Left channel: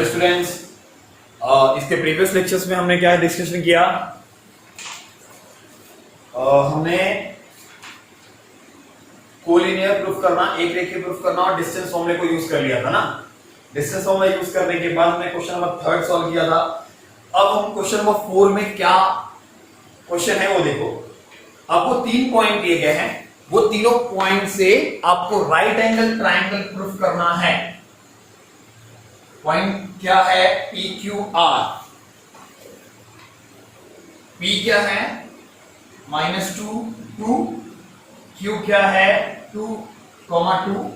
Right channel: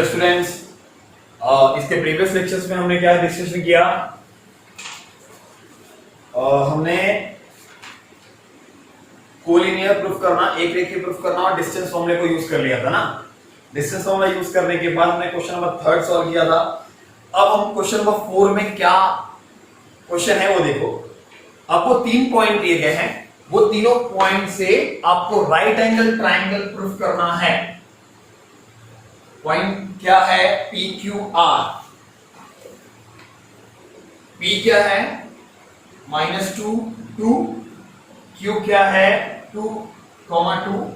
Hello students, इसके previous lectures में हमने क्या डिस्कशन किया। हमने कोलिनियर प्रूफ करना, एक रेखीय प्रूफ करना और डिस्टेंस फॉर्मूले को यूज कर लिया था ना। डिस्टेंस फॉर्मूला यूज करने के बाद हमने क्वेश्चन नंबर 3 सॉल्व किया था। अब हम क्वेश्चन नंबर 4 में क्या क्वेश्चन है वो देखो। आपको 3 पॉइंट दिए गए हैं, वो तीनों पॉइंट से आपको राइट एंगल ट्रायंगल प्रूफ करना है। पॉइंट क्या है? P Q R. पी क्या है? -2 2, क्यू क्या है? 2, 2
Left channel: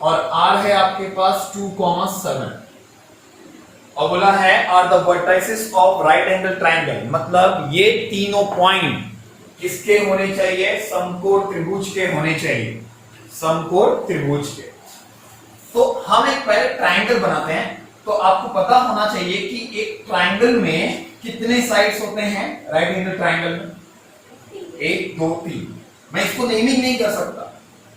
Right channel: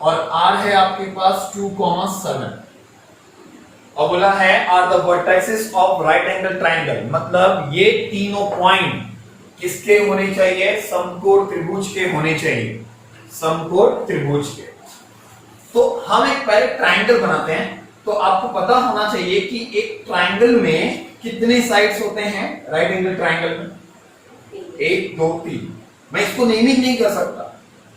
और आर है आपके पास 2, 7। और बोला है are the vertices of right angle triangle, मतलब ये तीनों पॉइंट किसके होने चाहिए? समकोण त्रिभुज के होने चाहिए, समकोण त्रिभुज के। तो हम एक पहले ट्रायंगल बनाते हैं। तो आपको पता होना चाहिए कि एक ट्रायंगल में कितने साइड्स होते हैं राइट एंगल ट्रायंगल में? 1 2 3। मैं इसको नेमिंग नहीं कर सकता।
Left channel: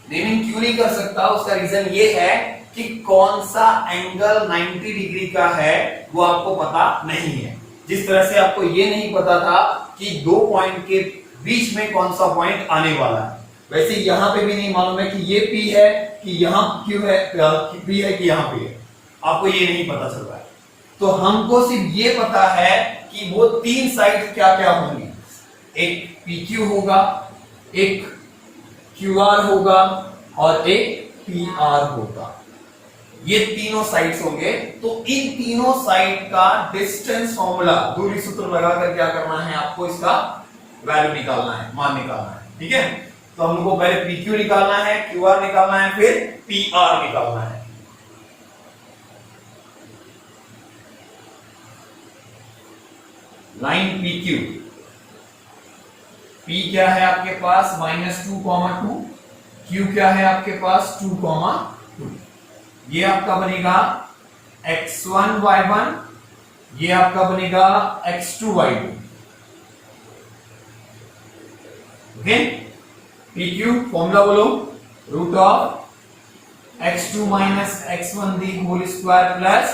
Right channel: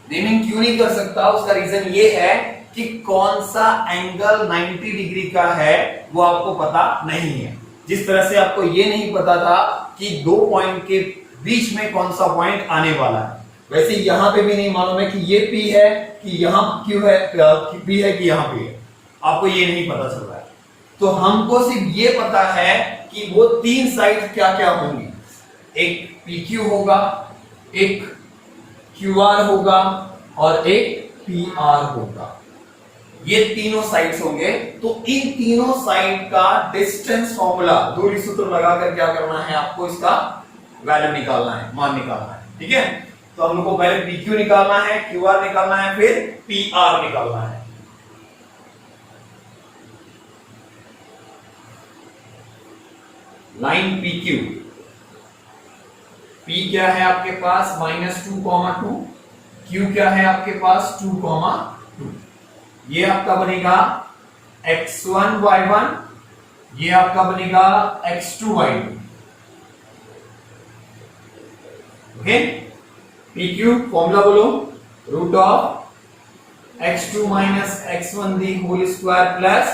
नेमिंग क्यों नहीं कर सकता? उसका रीजन ये है कि कौन सा एंगल 90 डिग्री का है वो आपको पता नहीं है। जिस तरह से आपको ये नहीं पता था कि दो पॉइंट के बीच में कौन सा पॉइंट आने वाला है, वैसे यहां पे भी नहीं मालूम है कि ये P है कि यहां Q है, P है कि यहां P है। आपको ये नहीं पता चल रहा है। तो हमको सिर्फ ये पता है कि वो तीन साइड क्या क्या होंगी। एक PQ होगा, एक QR होगा और एक PR होगा। ये तीनों साइड्स होंगे। तो इन तीनों साइड का डिस्टेंस फॉर्मूला, दूरी सूत्र लगाकर क्या करना है? आपको इसका वैल्यू निकालना है, मान निकालना है। ठीक है, तो हम लोग को पहले PQ निकालना है, QR निकालना है, फिर PR निकालना है। लाइन PQ, P क्या है आपके पास? -2, 2, Q क्या है आपके पास? 2, 2। ये आपका बनेगा x1 y1, ये आपका बनेगा x2 y2। Okay, PQ formula बोलो, √x2 - x1 the whole square plus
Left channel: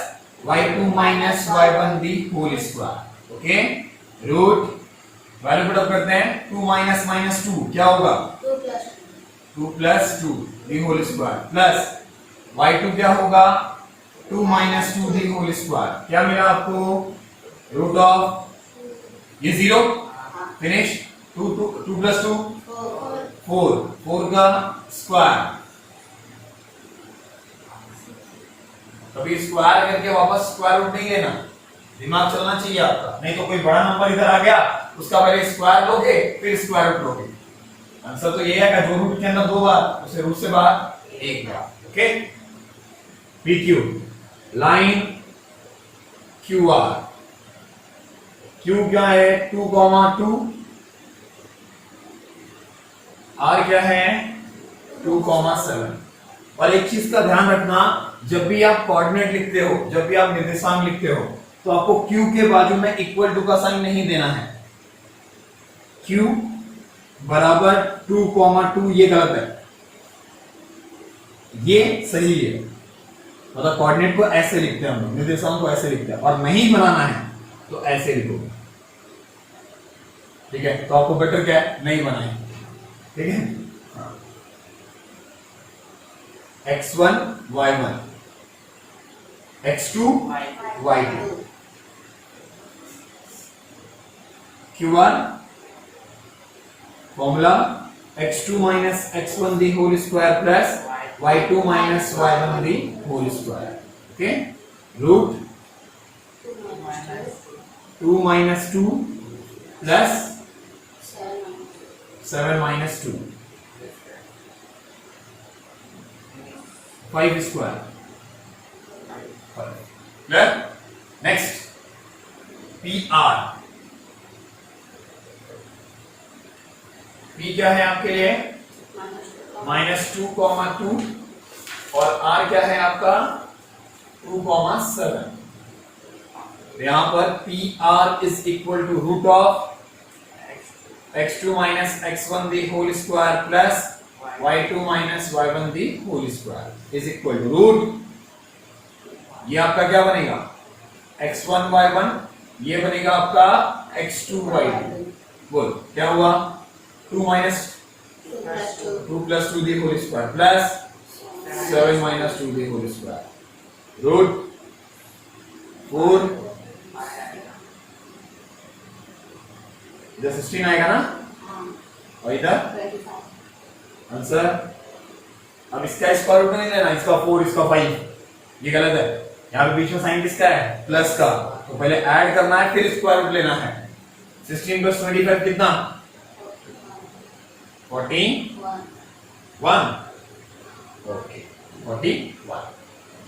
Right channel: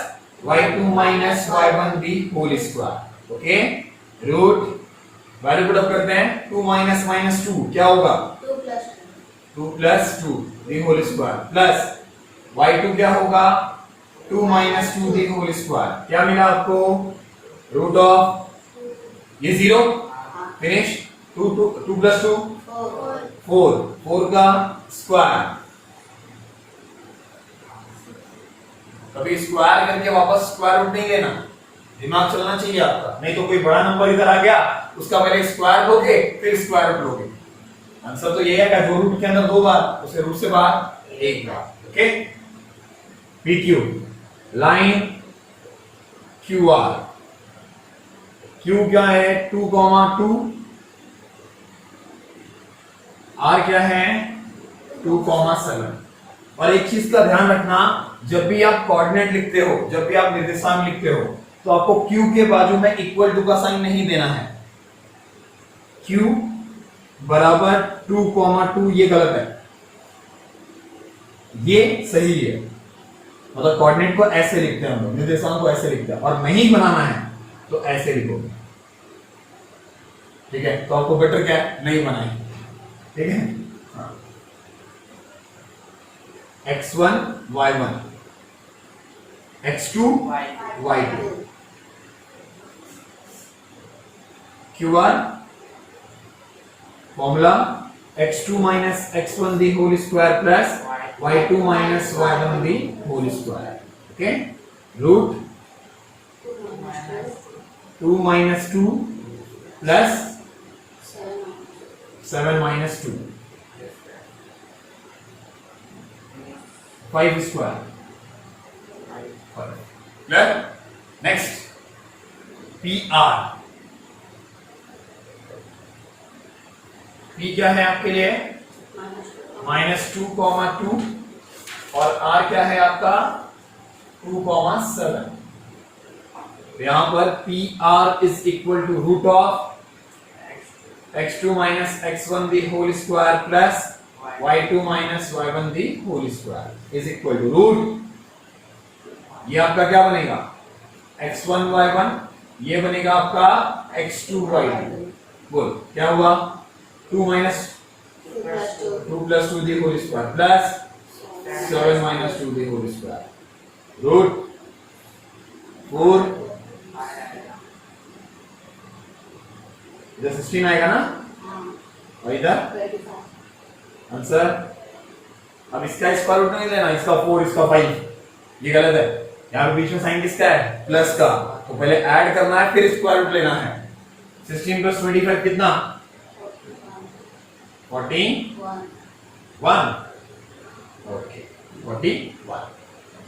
y2 - y1 the whole square. Okay, root value put up करते हैं। 2 - -2 क्या होगा? 2 + 2 the whole square plus y2 क्या होगा? 2 - 2 दी होल स्क्वायर। क्या मिला आपको? ये 0 फिनिश। 2 + 2 4 का स्क्वायर। कभी स्क्वायर करके वापस स्क्वायर रूट नहीं लेना, दिमाग चलना चाहिए आपका। नहीं तो कोई बड़ा नंबर इधर आ गया, उसका पहले स्क्वायर लोगे फिर स्क्वायर रूट लोगे। आंसर तो ये है कि जो रूट के अंदर 2 बार, उसे रूट से बाहर 1 बार। Okay, PQ line QR, Q क्या है? 2, 2, R क्या है? 2, 7। और एक चीज का ध्यान रखना, जब भी आप कोऑर्डिनेट लिखते हो, जब भी आप निर्देशांक लिखते हो, तो आपको Q के बाजू में इक्वल टू का साइन नहीं देना है। Q बराबर 2, 2 ये गलत है, ये सही है। मतलब कोऑर्डिनेट को ऐसे लिखते हैं हम लोग, निर्देशांक को ऐसे लिखते हैं। और नहीं बनाना है तो ऐसे लिखोगे। ठीक है, तो आपको बेटर क्या है? नहीं बनाए। ठीक है, x1 y1, x2 y2, QR formula x2 - x1 the whole square plus y2 - y1 the whole square. Okay, root 2 - 2 plus 7 - 2 5 square. Clear? Next PR। P क्या है आपके लिए? -2, 2 और R क्या है आपका? 2, 7। यहां पर PR is equal to √x2 - x1 the whole square plus y2 minus y1 the whole square is equal to root, ये आपका क्या बनेगा x1 y1, ये बनेगा आपका x2 y2। बोल क्या हुआ? 2 minus 2 plus 2 the whole square plus 7 minus 2 the whole square root 4। इधर 16 आएगा ना, और इधर आंसर। अब इसका स्क्वायर रूट नहीं लेना, इसका 4 इसका 5, ये गलत है। यहाँ पे बीच में साइन किसका है? प्लस का, तो पहले ऐड करना है फिर स्क्वायर रूट लेना है। 16 प्लस 25 कितना? 41। ओके 41,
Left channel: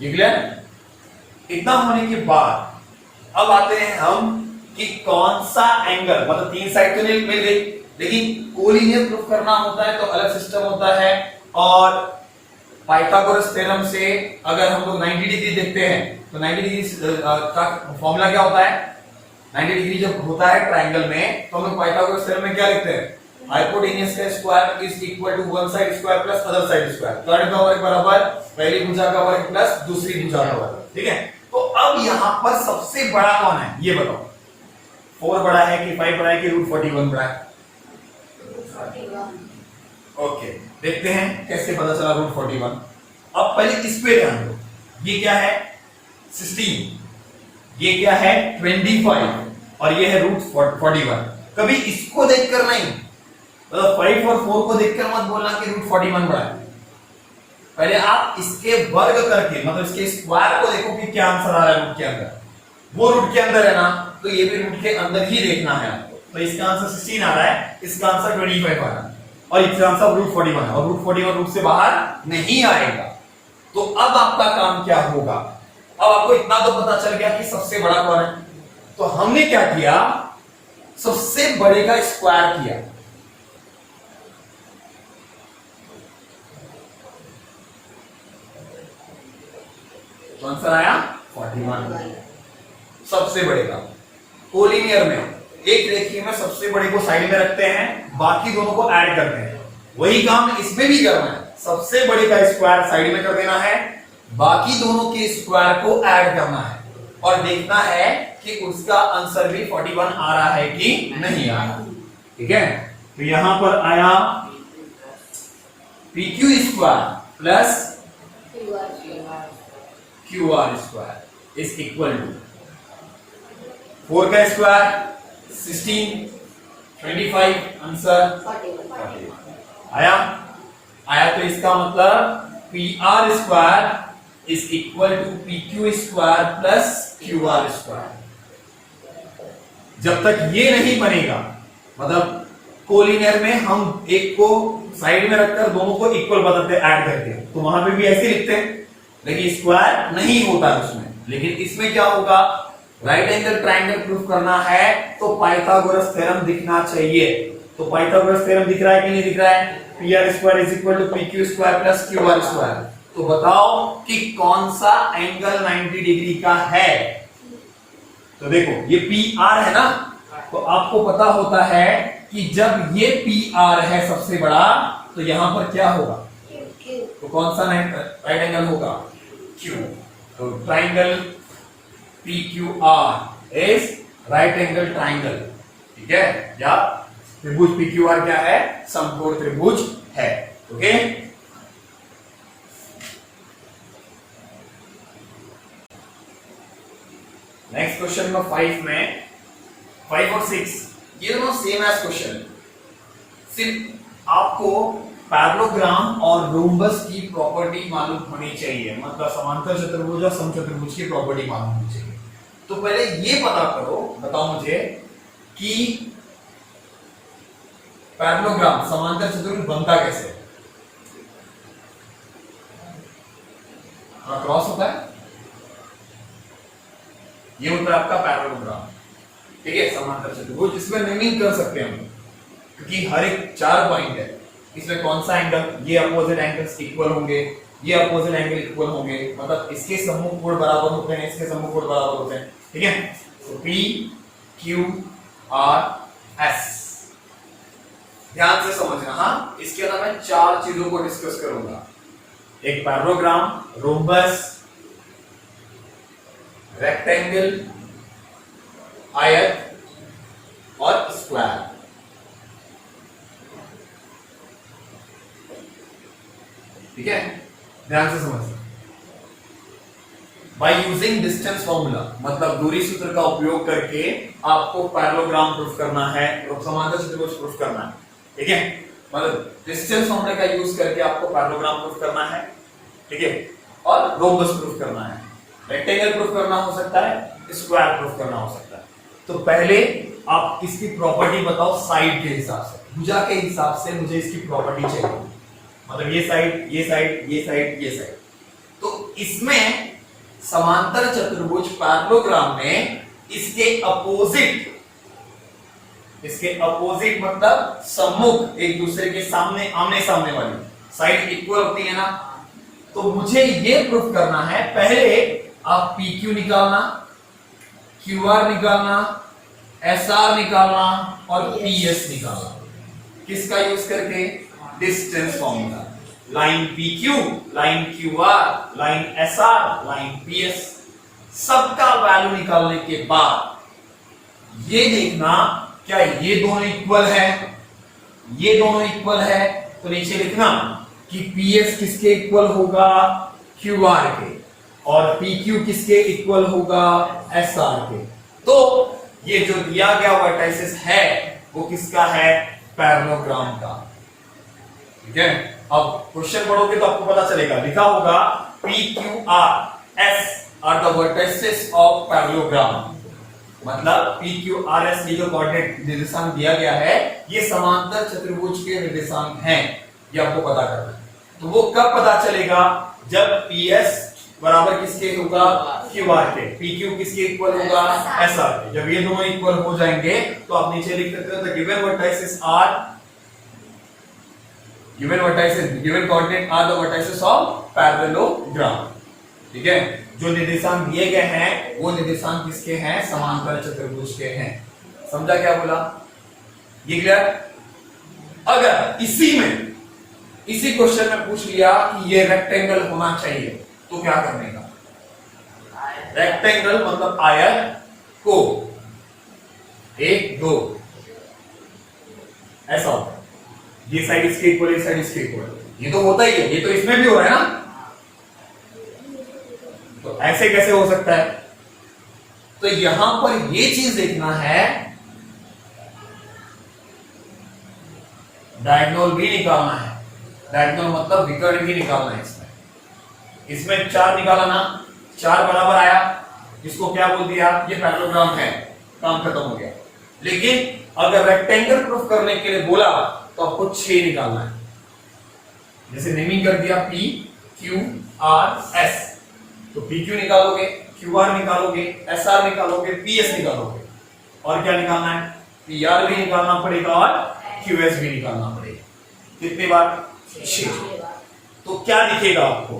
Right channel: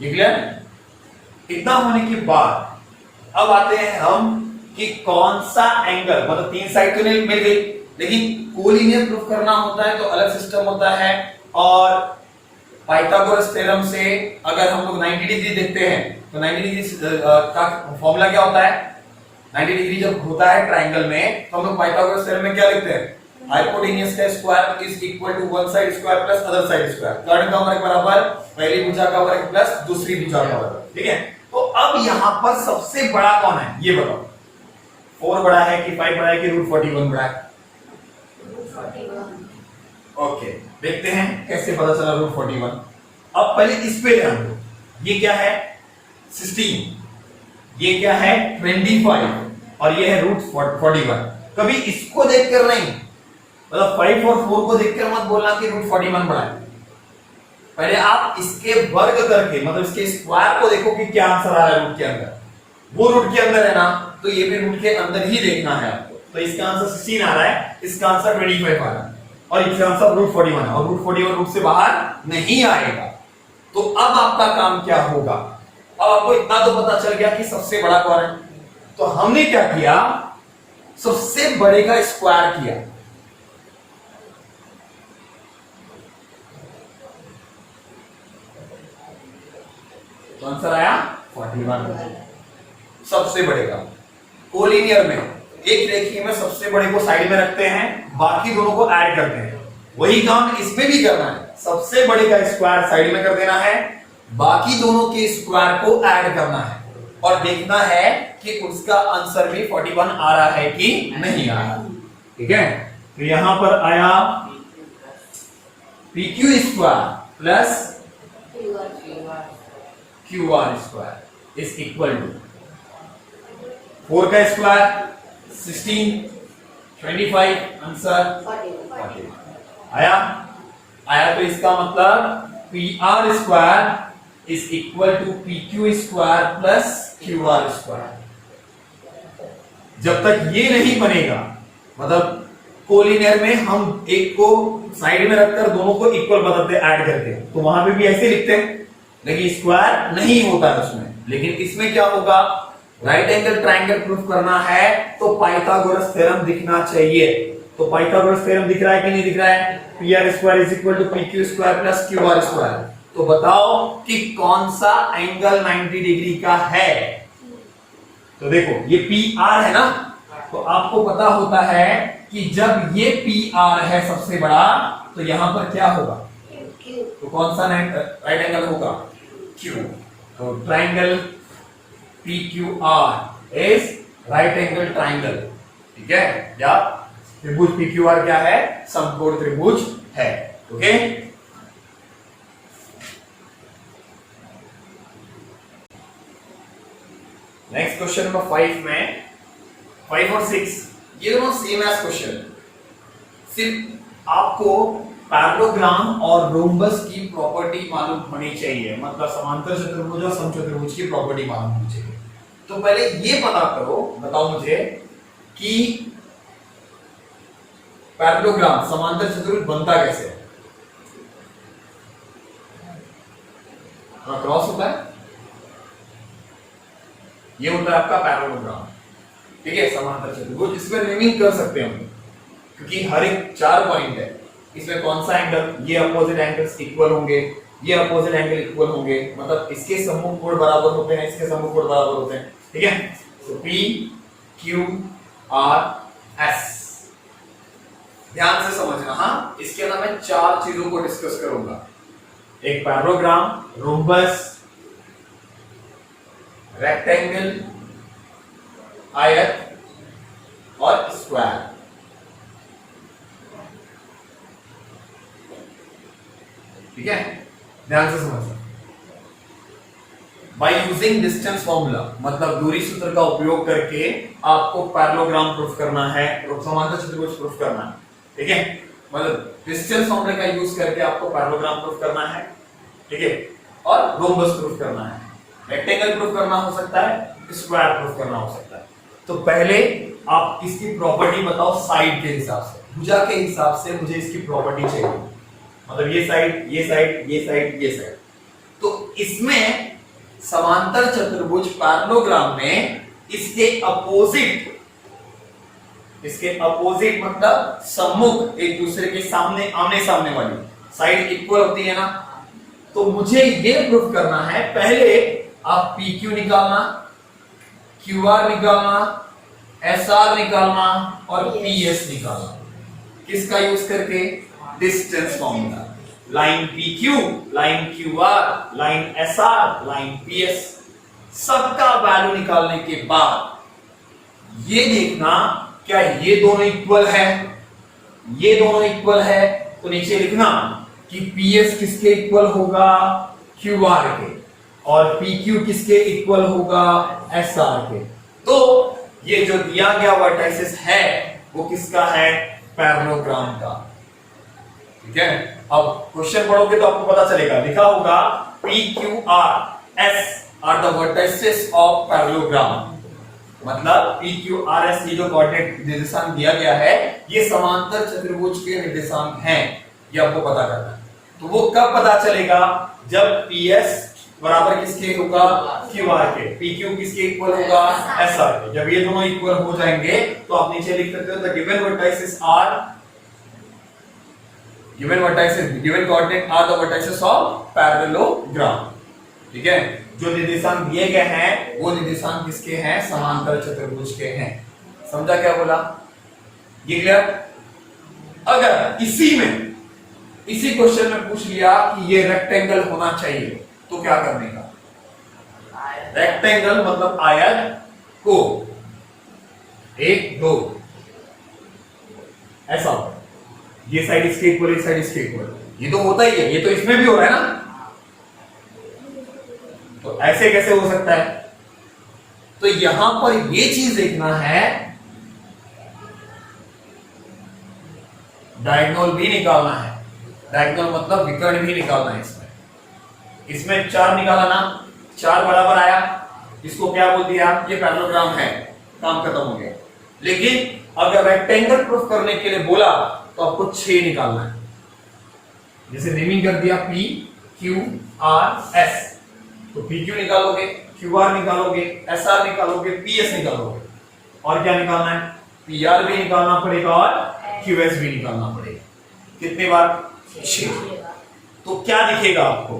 ये क्लियर है? इतना होने के बाद अब आते हैं हम कि कौन सा एंगल, मतलब तीन साइड तो नहीं मिल गई, लेकिन कोलिनियर प्रूफ करना होता है तो अलग सिस्टम होता है। और पाइथागोरस थ्योरम से अगर हम लोग 90 डिग्री देखते हैं तो 90 डिग्री का फॉर्मूला क्या होता है? 90 डिग्री जब होता है ट्रायंगल में तो हम लोग पाइथागोरस थ्योरम में क्या लिखते हैं? हाइपोटेन्यूज का square is equal to one side square plus other side square. Third का वर्ग बराबर पहली भुजा का वर्ग प्लस दूसरी भुजा का वर्ग। ठीक है, तो अब यहां पर सबसे बड़ा कौन है ये बताओ? 4 बड़ा है कि 5 बड़ा है कि रूट 41 बड़ा है? ओके, देखते हैं कैसे पता चला रूट 41। अब पहले इस पे ध्यान दो, ये क्या है? 16, ये क्या है? 25, और ये है रूट 41। कभी इसको देखकर नहीं, मतलब 5 और 4 को देखकर मत बोलना कि रूट 41 बड़ा है। पहले आप इसके वर्ग करके, मतलब इसके स्क्वायर को देखो कि क्या आंसर आ रहा है रूट के अंदर। वो रूट के अंदर है ना, तो ये भी रूट के अंदर ही देखना है आपको। तो इसका आंसर 16 आ रहा है, इसका आंसर 25 आ रहा है, और इसका आंसर रूट 41 है, और रूट 41 रूट से बाहर नहीं आएगा। तो अब आपका काम क्या होगा? अब आपको इतना तो पता चल गया कि सबसे बड़ा कौन है, तो हमने क्या किया? सबसे बड़े का स्क्वायर किया। तो आंसर आया 41, सबसे बड़े का। कोलिनियर में एक रेखीय में सबसे बड़े को साइड में रखते हैं, बाकी दोनों को ऐड करते हैं। वही काम इसमें भी करना है, सबसे बड़े का स्क्वायर साइड में कर देना है, बाकी दोनों के स्क्वायर को ऐड करना है, और देखना है कि उसका आंसर भी 41 आ रहा है कि नहीं आ रहा। ठीक है, तो यहां पर आया PQ square plus QR square is equal to 4 का स्क्वायर 16, 25, आंसर 41 आया। तो इसका मतलब PR square is equal to PQ square plus QR square. जब तक ये नहीं बनेगा, मतलब कोलिनियर में हम एक को साइड में रखकर दोनों को इक्वल बताते ऐड करते हैं, तो वहां पे भी ऐसे लिखते हैं, लेकिन स्क्वायर नहीं होता है उसमें। लेकिन इसमें क्या होगा? राइट एंगल ट्रायंगल प्रूफ करना है तो पाइथागोरस थ्योरम दिखना चाहिए। तो पाइथागोरस थ्योरम दिख रहा है कि नहीं दिख रहा है? PR square is equal to PQ square plus QR square. तो बताओ कि कौन सा एंगल 90 डिग्री का है? तो देखो ये PR है ना, तो आपको पता होता है कि जब ये PR है सबसे बड़ा, तो यहां पर क्या होगा? तो कौन सा राइट एंगल होगा? Q। तो triangle PQR is right angle triangle. ठीक है, या त्रिभुज PQR क्या है? समकोण त्रिभुज है। ओके, नेक्स्ट क्वेश्चन नंबर 5 में 5 और 6 ये दोनों सेम एज क्वेश्चन, सिर्फ आपको पैरेललोग्राम और रोम्बस की प्रॉपर्टी मालूम होनी चाहिए, मतलब समांतर चतुर्भुज और समचतुर्भुज की प्रॉपर्टी मालूम होनी चाहिए। तो पहले ये पता करो, बताओ मुझे कि पैरेललोग्राम समांतर चतुर्भुज बनता कैसे? क्रॉस होता है, ये होता है आपका पैरेललोग्राम। ठीक है, समांतर चतुर्भुज इसमें नेमिंग कर सकते हैं हम, क्योंकि हर एक 4 पॉइंट है, इसमें कौन सा एंगल, ये अपोजिट एंगल्स इक्वल होंगे, ये अपोजिट एंगल इक्वल होंगे, मतलब इसके सम्मुख कोण बराबर होते हैं, इसके सम्मुख कोण बराबर होते हैं। ठीक है, तो P Q R S ध्यान से समझना। हाँ, इसके अंदर मैं 4 चीजों को डिस्कस करूंगा, एक पैरेललोग्राम, रोम्बस, रेक्टेंगल आयत और स्क्वायर। ठीक है, ध्यान से समझना। बाय यूजिंग डिस्टेंस फॉर्मूला, मतलब दूरी सूत्र का उपयोग करके आपको पैरेललोग्राम प्रूफ करना है, समांतर चतुर्भुज प्रूफ करना है। ठीक है, मतलब डिस्टेंस फॉर्मूला का यूज करके आपको पैरेललोग्राम प्रूफ करना है। ठीक है, और रोम्बस प्रूफ करना है, रेक्टेंगल प्रूफ करना हो सकता है, स्क्वायर प्रूफ करना हो सकता है। तो पहले आप इसकी प्रॉपर्टी बताओ साइड के हिसाब से, भुजा के हिसाब से मुझे इसकी प्रॉपर्टी चाहिए, मतलब ये साइड, ये साइड, ये साइड, ये साइड। तो इसमें समांतर चतुर्भुज पैरेललोग्राम में इसके अपोजिट मतलब सम्मुख, एक दूसरे के सामने, आमने सामने वाली साइड इक्वल होती है ना। तो मुझे ये प्रूफ करना है, पहले आप PQ निकालना, QR निकालना, SR निकालना और PS निकालना। किसका यूज करके? Distance formula. Line PQ, line QR, line SR, line PS, सबका वैल्यू निकालने के बाद ये देखना क्या ये दोनों इक्वल है। ये दोनों इक्वल है तो नीचे लिखना कि PS किसके इक्वल होगा? QR के, और PQ किसके इक्वल होगा? SR के। तो ये जो दिया गया वर्टाइसिस है वो किसका है? पैरेललोग्राम का। ठीक है, अब क्वेश्चन पढ़ोगे तो आपको पता चलेगा, लिखा होगा PQRS are the vertices of parallelogram. मतलब PQRS ये जो कोऑर्डिनेट निर्देशांक दिया गया है ये समांतर चतुर्भुज के निर्देशांक हैं, ये आपको पता करना है। तो वो कब पता चलेगा? जब PS बराबर किसके होगा? QR के। PQ किसके इक्वल होगा? SR के। जब ये दोनों इक्वल हो जाएंगे तो आप नीचे लिख सकते हो the given vertices are, given coordinate are the vertices of parallelogram. ठीक है, जो निर्देशांक दिए गए हैं वो निर्देशांक किसके हैं? समांतर चतुर्भुज के हैं। समझा क्या बोला? ये क्लियर? अगर इसी क्वेश्चन में पूछ लिया कि ये रेक्टेंगल होना चाहिए तो क्या करने का? रेक्टेंगल मतलब आयत को 1 2 ऐसा होता है, ये साइड इसके इक्वल, ये साइड इसके इक्वल, ये तो होता ही है, ये तो इसमें भी हो रहा है ना। तो ऐसे कैसे हो सकता है? तो यहां पर ये चीज देखना है, डायगोनल भी निकालना है। डायगोनल मतलब विकर्ण भी निकालना है। इसमें 4 निकाला ना, 4 बराबर आया, इसको क्या बोल दिया? ये पैरेललोग्राम है, काम खत्म हो गया। लेकिन अगर रेक्टेंगल प्रूफ करने के लिए बोला तो आपको 6 निकालना है। जैसे नेमिंग कर दिया PQRS, तो PQ निकालोगे, QR निकालोगे, SR निकालोगे, PS निकालोगे, और क्या निकालना है? PR भी निकालना पड़ेगा और QS भी निकालना पड़ेगा। कितनी बार? 6। तो क्या दिखेगा आपको?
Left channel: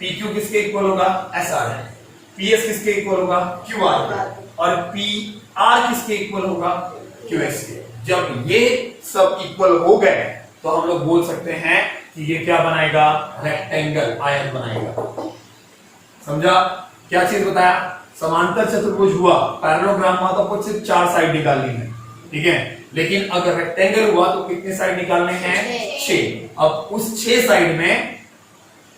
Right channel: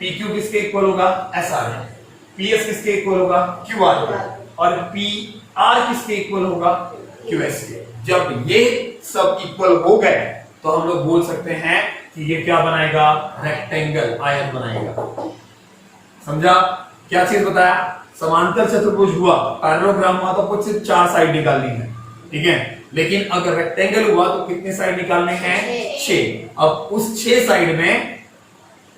PQ किसके इक्वल होगा? SR है। PS किसके इक्वल होगा? QR के। और PR किसके इक्वल होगा? QS के। जब ये सब इक्वल हो गए तो हम लोग बोल सकते हैं कि ये क्या बनाएगा? रेक्टेंगल, आयत बनाएगा। समझा? क्या चीज बताया? समांतर चतुर्भुज हुआ, पैरेललोग्राम हुआ तो आपको सिर्फ 4 साइड निकालनी है। ठीक है, लेकिन अगर रेक्टेंगल हुआ तो कितने साइड निकालने हैं? 6। अब उस 6 साइड में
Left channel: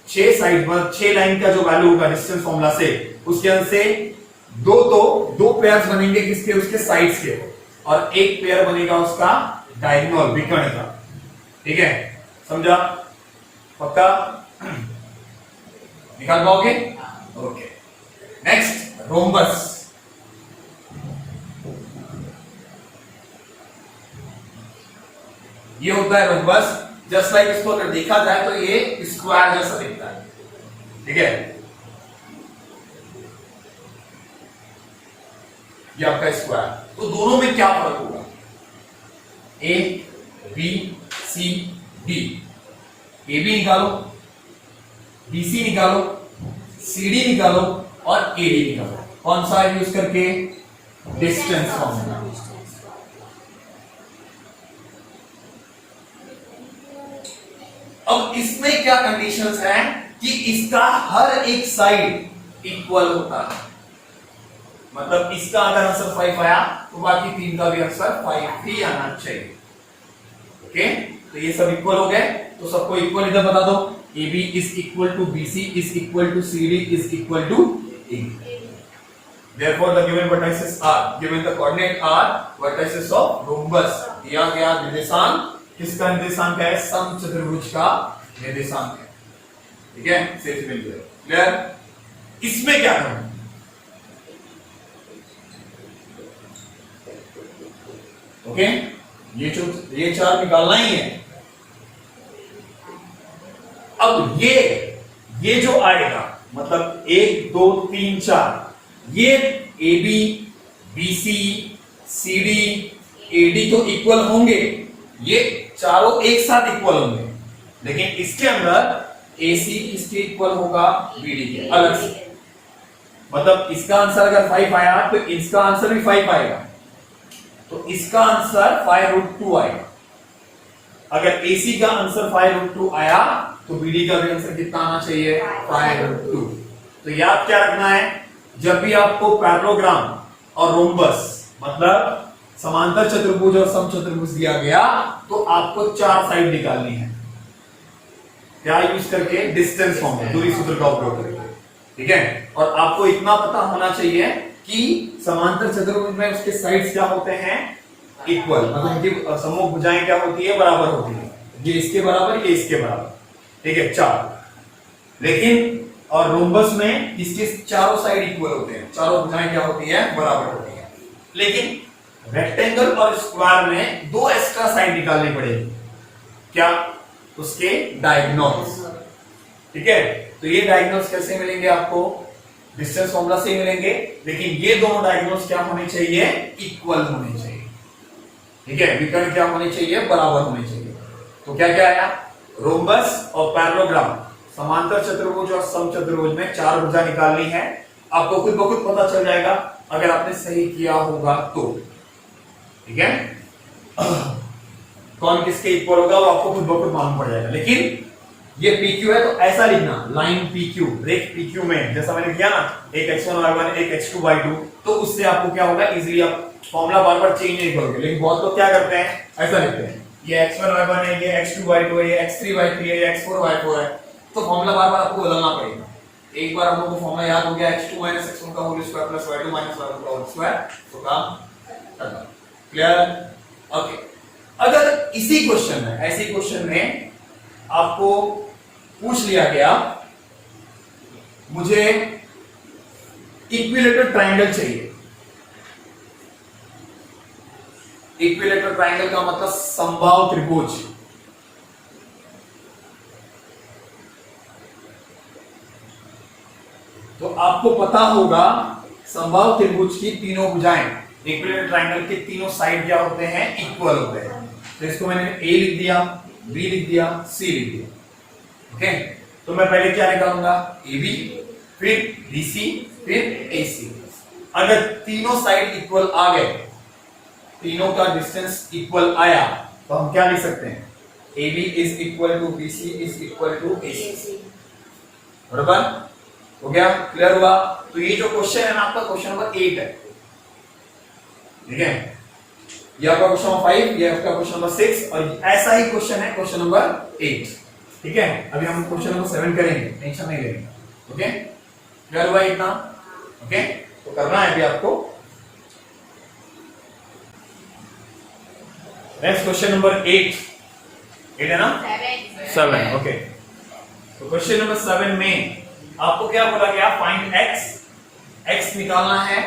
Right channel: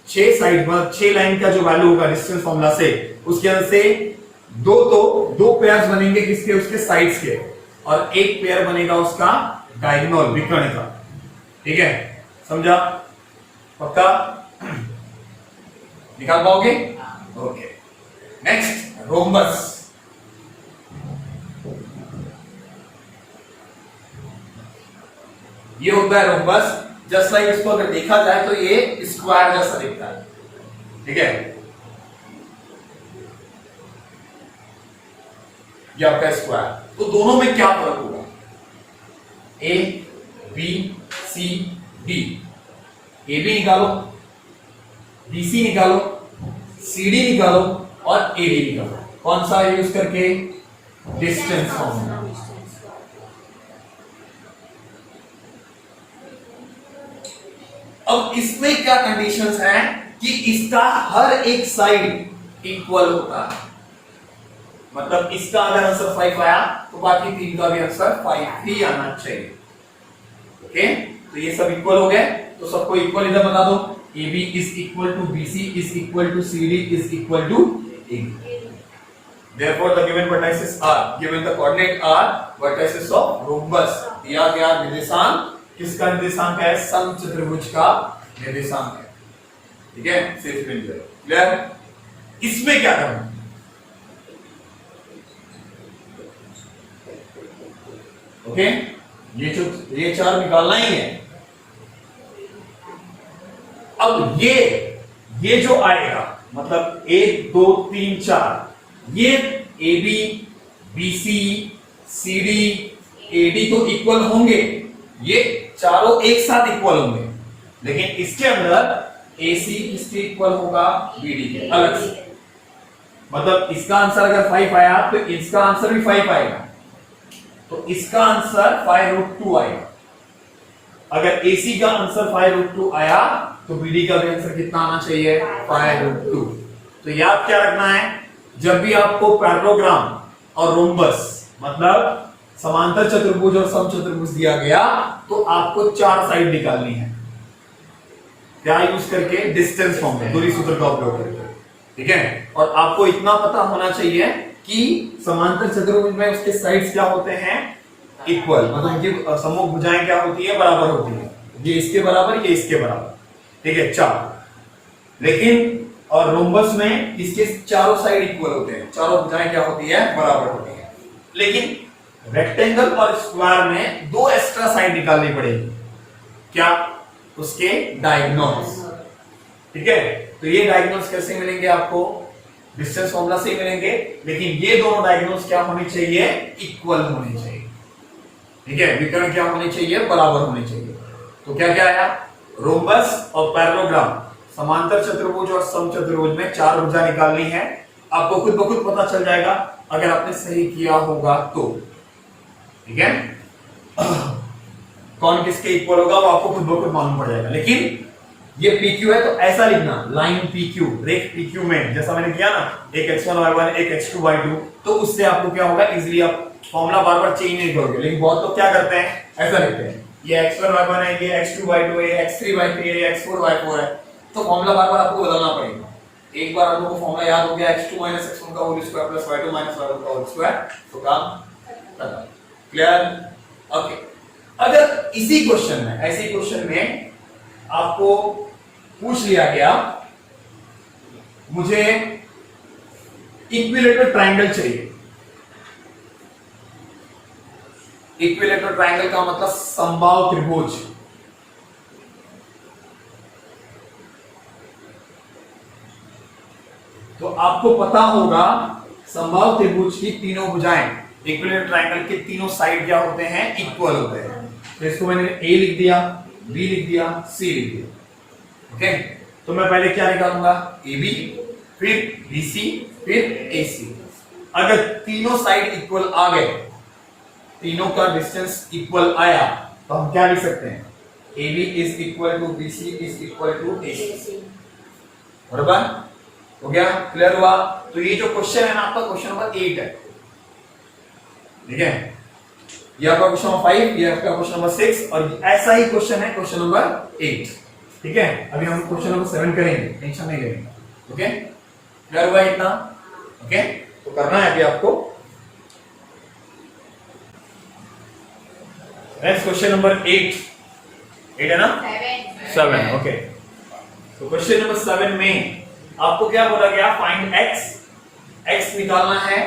6 लाइन का जो वैल्यू होगा डिस्टेंस फॉर्मूला से, उसके अंदर से दो पेयर्स बनेंगे किसके? उसके साइड्स के, और एक पेयर बनेगा उसका डायगोनल, विकर्ण का। ठीक है, समझा? पक्का? निकाल पाओगे? Okay, next rhombus. ये होता है रोम्बस। जस्ट लाइक इसको अगर देखा जाए तो ये स्क्वायर जैसा दिखता है। ठीक है, ये आपका स्क्वायर। तो दोनों में क्या फर्क होगा? A B C D, AB निकालो, BC निकालो, CD निकालो और AD निकालो। कौन सा यूज करके? Distance formula. अब इसमें क्या कंडीशंस हैं कि इसका हर एक साइड इक्वल होता है। मतलब इसका अगर आंसर 5 आया तो बाकी तीन का भी आंसर 5 ही आना चाहिए। ओके, तो ये सब इक्वल हो गए, तो सबको इक्वल इधर बता दो। AB is equal to BC is equal to CD is equal to AB. Therefore, the given vertices are given the coordinate are vertices of rhombus. दिया गया निर्देशांक किसका निर्देशांक है? समचतुर्भुज का निर्देशांक है। ठीक है, सिर्फ मिल गया। क्लियर? इसमें क्या करना? ओके, ये चार निकालना ही है। अब ये जो आएगा मतलब 1 2 3 4 ये AB BC CD AD तो इक्वल होंगे, ये चारों एक साथ इक्वल होंगे, लेकिन इसके अंदर AC किसके इक्वल होगा? BD के अलग से। मतलब इसका आंसर अगर 5 आया तो इसका आंसर भी 5 आएगा, तो इसका आंसर 5√2 आएगा। अगर AC का आंसर 5√2 आया तो BD का भी आंसर कितना आना चाहिए? 5√2। तो याद क्या रखना है, जब भी आपको पैरेललोग्राम और रोम्बस मतलब समांतर चतुर्भुज और समचतुर्भुज दिया गया तो आपको चार साइड निकालनी है। क्या यूज करके? डिस्टेंस फॉर्मूला, दूरी सूत्र का उपयोग करके। ठीक है, और आपको इतना पता होना चाहिए कि समांतर चतुर्भुज में उसके साइड्स क्या होते हैं? इक्वल, मतलब उनकी सम्मुख भुजाएं क्या होती है? बराबर होती है। ये इसके बराबर, ये इसके बराबर। ठीक है, चार। लेकिन और रोम्बस में इसके चारों साइड इक्वल होते हैं, चारों भुजाएं क्या होती है? बराबर होती है। लेकिन रेक्टेंगल और स्क्वायर में दो एक्स्ट्रा साइड निकालनी पड़ेगी। क्या? उसके डायगोनल्स। ठीक है, तो ये डायगोनल्स कैसे मिलेंगे आपको? डिस्टेंस फॉर्मूला से ही मिलेंगे, लेकिन ये दोनों डायगोनल्स क्या होने चाहिए? इक्वल होने चाहिए। ठीक है, विकर्ण क्या होने चाहिए? बराबर होने चाहिए। तो क्या क्या आया? रोम्बस और पैरेललोग्राम, समांतर चतुर्भुज और समचतुर्भुज में चार भुजा निकालनी है। आपको खुद ब खुद पता चल जाएगा अगर आपने सही किया होगा तो। ठीक है, कौन किसके इक्वल होगा वो आपको खुद ब खुद मालूम पड़ जाएगा। लेकिन ये PQ है तो ऐसा लिखना, लाइन PQ, रेख PQ में जैसा मैंने किया ना, एक x1 y1 एक x2 y2, तो उससे आपको क्या होगा? इजीली आप फॉर्मूला बार बार चेंज नहीं करोगे। लेकिन बहुत लोग क्या करते हैं? ऐसा लिखते हैं, ये x1 y1 है, ये x2 y2 है, ये x3 y3 है, ये x4 y4 है, तो फॉर्मूला बार बार आपको बदलना पड़ेगा। एक बार हम लोग को फॉर्मूला याद हो गया x2 - x1 का whole square plus y2 - y1 का होल स्क्वायर, तो काम खत्म। क्लियर? ओके, अगर इसी क्वेश्चन में, ऐसे क्वेश्चन में आपको पूछ लिया गया मुझे इक्विलेटरल ट्रायंगल चाहिए। इक्विलेटरल ट्रायंगल का मतलब समबाहु त्रिभुज। तो आपको पता होगा समबाहु त्रिभुज की तीनों भुजाएं, इक्विलेटरल ट्रायंगल के तीनों साइड क्या होते हैं? इक्वल होते हैं। तो इसको मैंने A लिख दिया, B लिख दिया, C लिख दिया। ओके, तो मैं पहले क्या निकालूंगा? AB, फिर BC, फिर AC। अगर तीनों साइड इक्वल आ गए, तीनों का डिस्टेंस इक्वल आया, तो हम क्या लिख सकते हैं? AB is equal to BC is equal to AC। बराबर हो गया? क्लियर हुआ? तो ये जो क्वेश्चन है ना आपका, क्वेश्चन नंबर 8 है। ठीक है, ये आपका क्वेश्चन नंबर 5, ये आपका क्वेश्चन नंबर 6, और ऐसा ही क्वेश्चन है क्वेश्चन नंबर 8। ठीक है, अभी हम क्वेश्चन नंबर 7 करेंगे, टेंशन नहीं लेंगे। ओके, क्लियर हुआ इतना? ओके, तो करना है अभी आपको। नेक्स्ट क्वेश्चन नंबर 8 है ना? 7। ओके, तो क्वेश्चन नंबर 7 में आपको क्या बोला गया? फाइंड x निकालना है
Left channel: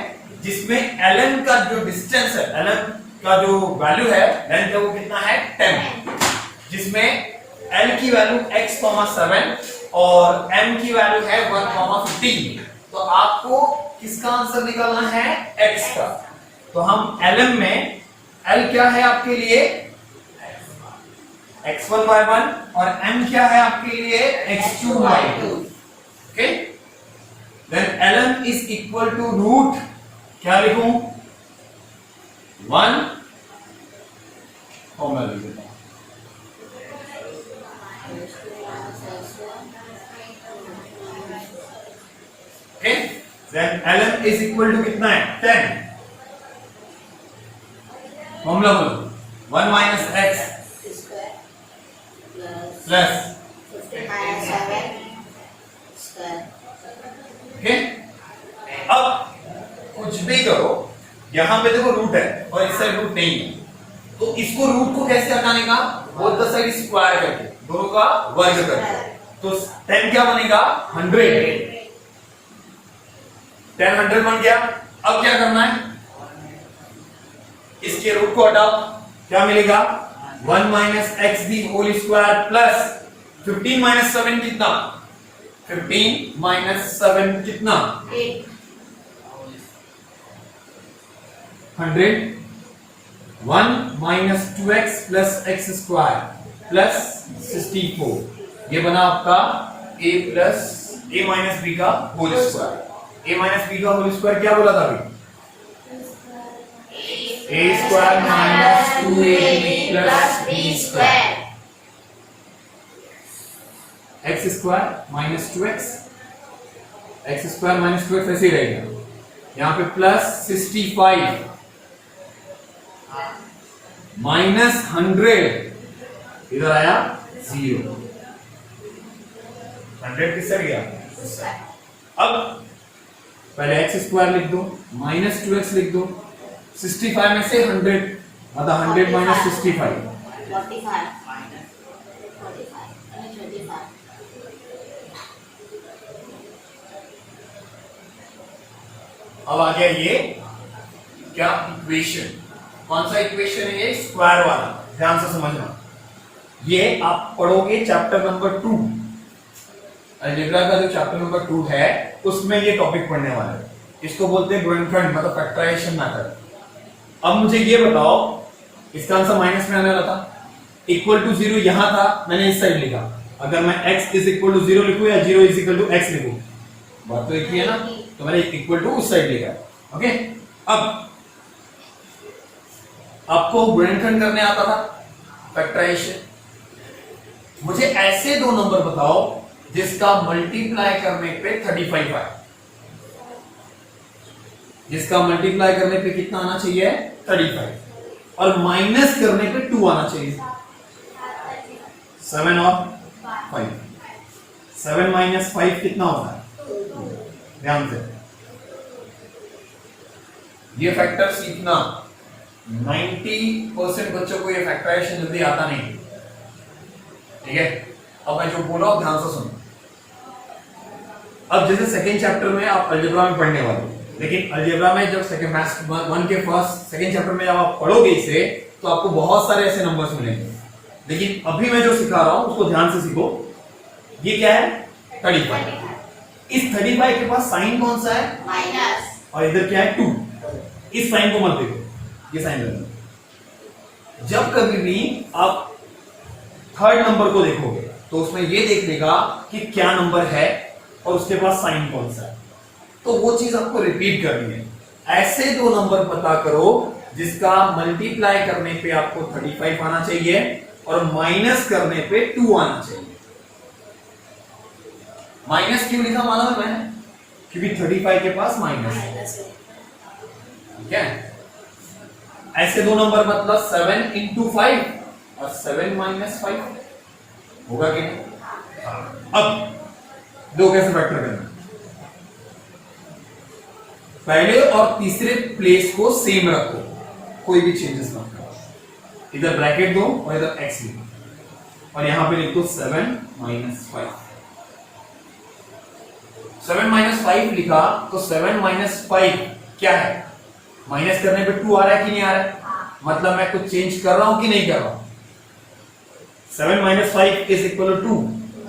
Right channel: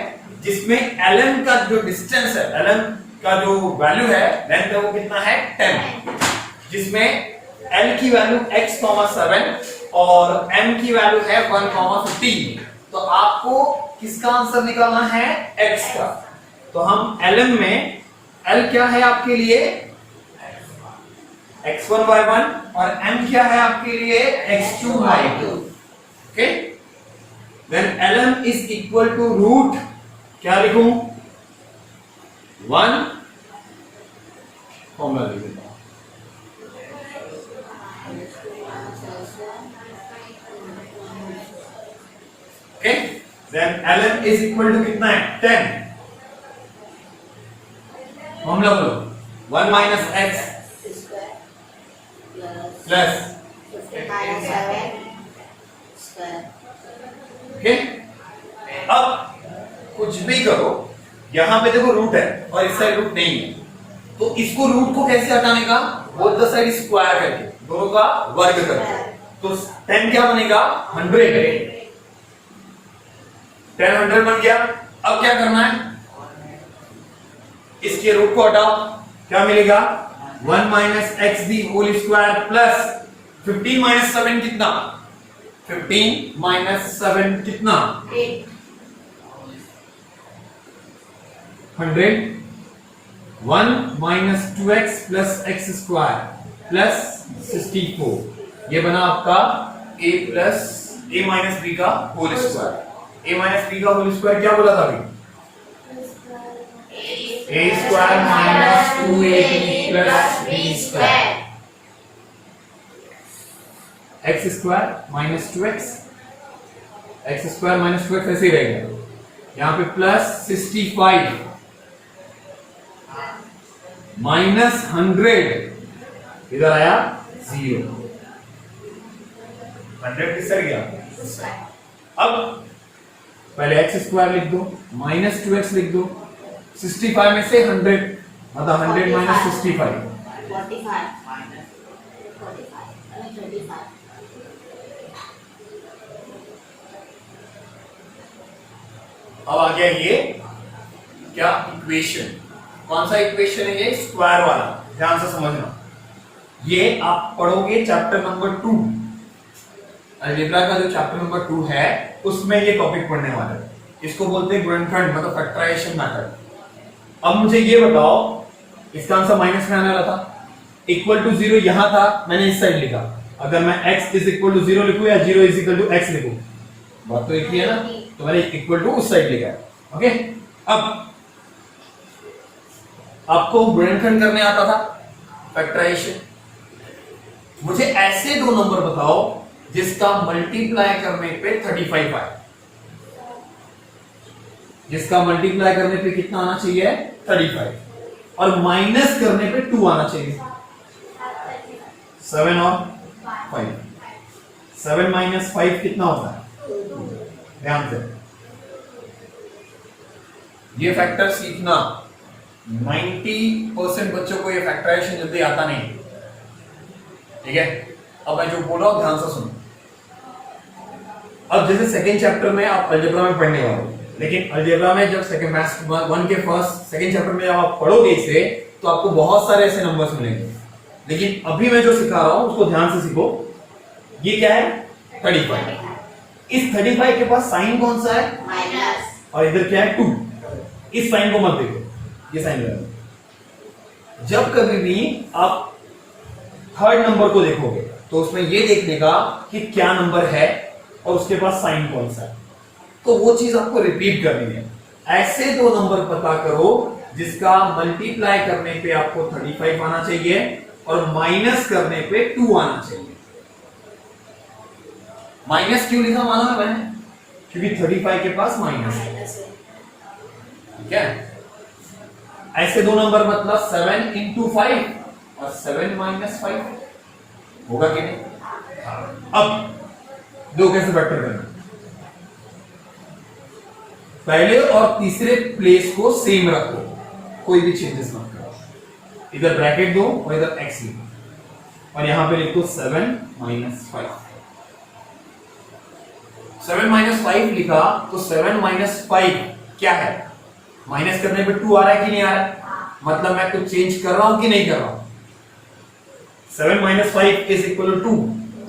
जिसमें ln का जो डिस्टेंस है, ln का जो वैल्यू है, लेंथ है, वो कितना है? 10, जिसमें l की वैल्यू x,7 और m की वैल्यू है 1,15। तो आपको किसका आंसर निकालना है? x का। तो हम ln में l क्या है आपके लिए? x1 y1, और m क्या है आपके लिए? x2 y2। Okay, then ln is equal to root, क्या लिखूं? 1, फॉर्मूला लिख देता हूं, okay, then ln is equal to कितना है 10। फॉर्मूला बोलो 1 माइनस एक्स प्लस ओके। अब कुछ भी करो, यहां पे देखो रूट है और इस साइड रूट नहीं है, तो इसको रूट को कैसे हटाने का, बोथ द साइड स्क्वायर करके, दोनों का वर्ग करके, तो 10 क्या बनेगा 100, 10 100 बन गया। अब क्या करना है, इसके रूट को हटाओ, क्या मिलेगा 1 minus x the whole square plus 15 minus 7 कितना, 15 माइनस 7 कितना 100, 1 minus 2x plus x square plus 64, ये बना आपका a plus a minus b का whole square. a minus b का होल स्क्वायर क्या बोला था अभी, a square minus 2ab plus b square, x square minus 2x, x square minus 2x ऐसे ही रहेगा, यहां पे प्लस 65 माइनस 100, इधर आया 0, 100 किस साइड गया। अब पहले एक्स स्क्वायर लिख दो, माइनस 2x लिख दो, 65 में से 100 मतलब 100 माइनस 65 अब आ गया ये क्या इक्वेशन, कौन सा इक्वेशन है ये, स्क्वायर वाला, ध्यान से समझना। ये आप पढ़ोगे चैप्टर नंबर 2, अलजेब्रा का जो चैप्टर नंबर 2 है उसमें ये टॉपिक पढ़ने वाला है, इसको बोलते हैं ग्रेनफेल्ड मतलब फैक्टराइजेशन मेथड। अब मुझे ये बताओ, इसका आंसर माइनस में आने वाला था, इक्वल टू 0 यहां था, मैंने इस साइड लिखा, अगर मैं x इज इक्वल टू 0 लिखूं या 0 इज इक्वल टू x लिखूं, बात तो एक ही है ना, तो मैंने इक्वल टू उस साइड लिखा। ओके, अब आपको गुणनखंड करने आता था, फैक्टराइजेशन, मुझे ऐसे दो नंबर बताओ जिसका मल्टीप्लाई करने पे 35 आए, जिसका मल्टीप्लाई करने पे कितना आना चाहिए 35 और माइनस करने पे 2 आना चाहिए, 7 और 5, 7 माइनस 5 कितना होता है, ध्यान से ये फैक्टर सीखना, 90% बच्चों को ये फैक्टराइजेशन जल्दी आता नहीं, ठीक है। अब मैं जो बोल रहा हूं ध्यान से सुनो। अब जैसे सेकंड चैप्टर में आप अलजेब्रा में पढ़ने वाले हो, लेकिन अलजेब्रा में जब सेकंड मैथ्स 1 के फर्स्ट सेकंड चैप्टर में जब आप पढ़ोगे इसे तो आपको बहुत सारे ऐसे नंबर्स मिलेंगे, लेकिन अभी मैं जो सिखा रहा हूं उसको ध्यान से सीखो। ये क्या है 35, इस 35 के पास साइन कौन सा है माइनस, और इधर क्या है 2, इस साइन को मत देखो, ये साइन लगेगा। जब कभी भी आप थर्ड नंबर को देखोगे तो उसमें ये देखने का कि क्या नंबर है और उसके पास साइन कौन सा है, तो वो चीज आपको रिपीट करनी है। ऐसे दो नंबर पता करो जिसका मल्टीप्लाई करने पे आपको 35 आना चाहिए और माइनस करने पे 2 आना चाहिए। माइनस क्यों लिखा मालूम है मैंने, क्योंकि 35 के पास माइनस है, ठीक है। ऐसे दो नंबर मतलब 7 इंटू 5 और 7 माइनस 5 होगा कि नहीं। अब दो कैसे फैक्टर करना, पहले और तीसरे प्लेस को सेम रखो, कोई भी चेंजेस मत करो, इधर ब्रैकेट दो और इधर x लिखो और यहां पे लिख दो 7 माइनस 5। 7 माइनस 5 लिखा तो 7 माइनस 5 क्या है, माइनस करने पे 2 आ रहा है कि नहीं आ रहा है, मतलब मैं कुछ चेंज कर रहा हूं कि नहीं कर रहा हूं। 7 minus 5 is equal to 2,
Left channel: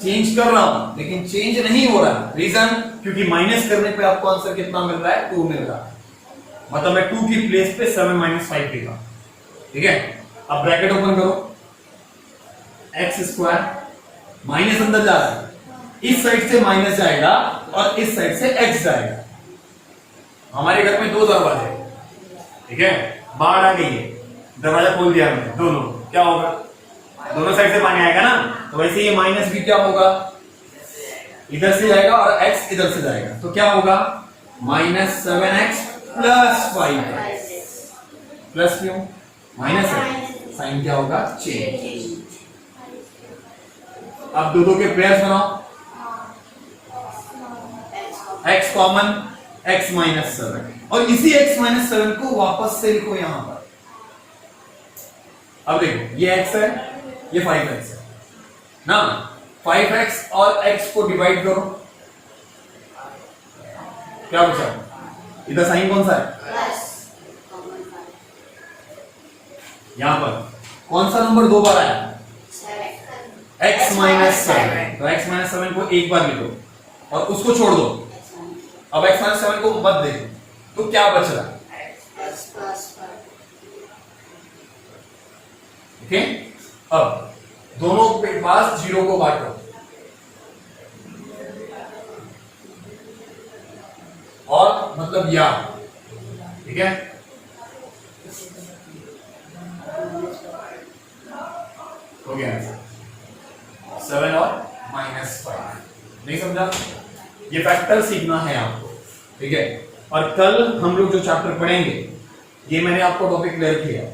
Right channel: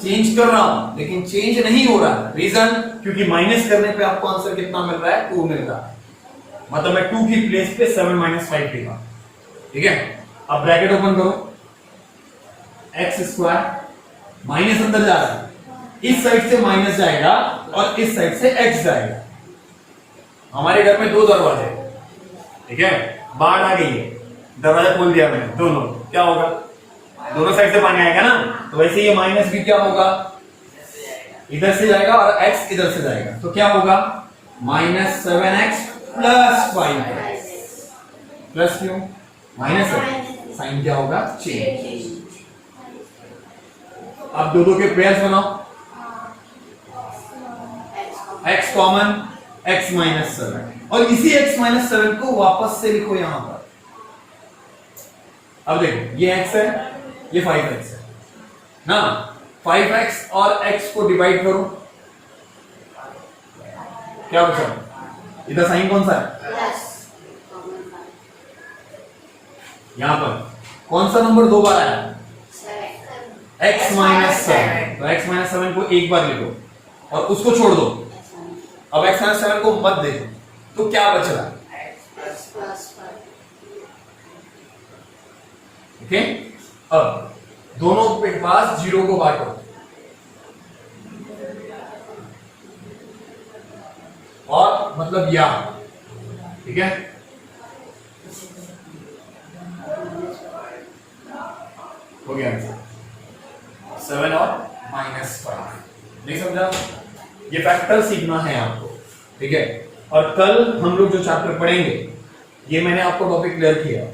change कर रहा हूं लेकिन चेंज नहीं हो रहा है, रीजन क्योंकि माइनस करने पे आपको आंसर कितना मिल रहा है 2 मिल रहा है, मतलब मैं 2 की प्लेस पे 7 माइनस 5 लिखा, ठीक है। अब ब्रैकेट ओपन करो, एक्स स्क्वायर माइनस अंदर जा रहा है, इस साइड से माइनस जाएगा और इस साइड से एक्स जाएगा। हमारे घर में 2 दरवाजे, ठीक है, बाढ़ आ गई है, दरवाजा खोल दिया मैंने दोनों, क्या होगा, दोनों साइड से पानी आएगा ना, तो वैसे ये माइनस भी क्या होगा, इधर से जाएगा और x इधर से जाएगा, तो क्या होगा minus 7x plus 5x। Plus क्यों? माइनस है, साइन क्या होगा? चेंज। अब दो के पेयर्स बनाओ, x कॉमन, x माइनस 7, और इसी x माइनस 7 को वापस से लिखो यहां पर। अब देखो ये x है, ये 5x है ना, 5x और x को डिवाइड करो, क्या बचा? इधर साइन कौन सा है? यहां पर कौन सा नंबर दो बार आया? x minus 7। तो x माइनस 7 को एक बार लिखो और उसको छोड़ दो। अब x माइनस 7 को मत देखो, तो क्या बच रहा है? ठीक है। अब दोनों के पास 0 को बांटो, और मतलब या, ठीक है, हो गया 7 और माइनस 5। नहीं समझा? ये फैक्टर सीखना है आपको, ठीक है। और कल हम लोग जो चैप्टर पढ़ेंगे, ये मैंने आपको टॉपिक क्लियर किया,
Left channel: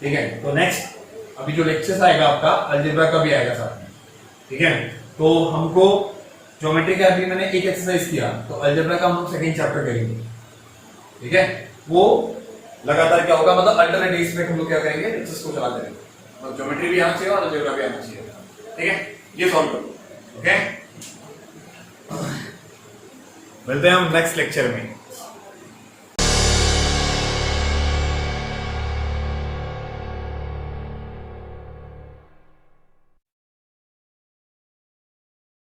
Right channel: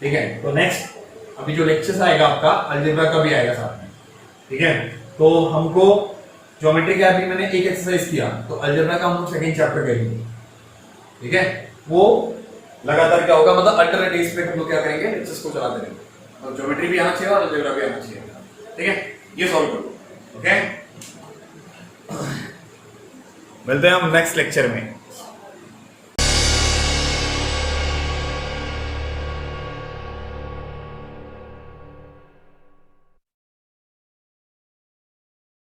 ठीक है। तो नेक्स्ट अभी जो लेक्चर्स आएगा आपका अलजेब्रा का भी आएगा साथ में, ठीक है। तो हमको ज्योमेट्री का अभी मैंने एक एक्सरसाइज किया, तो अलजेब्रा का हम लोग सेकंड चैप्टर करेंगे, ठीक है। वो लगातार क्या होगा, मतलब अल्टरनेट डेज पे हम लोग क्या करेंगे, लेक्चर्स को चला देंगे। तो ज्योमेट्री भी आना चाहिए और अलजेब्रा भी आना चाहिए, ठीक है। ये सॉल्व करो, ओके। मिलते हैं हम नेक्स्ट लेक्चर में।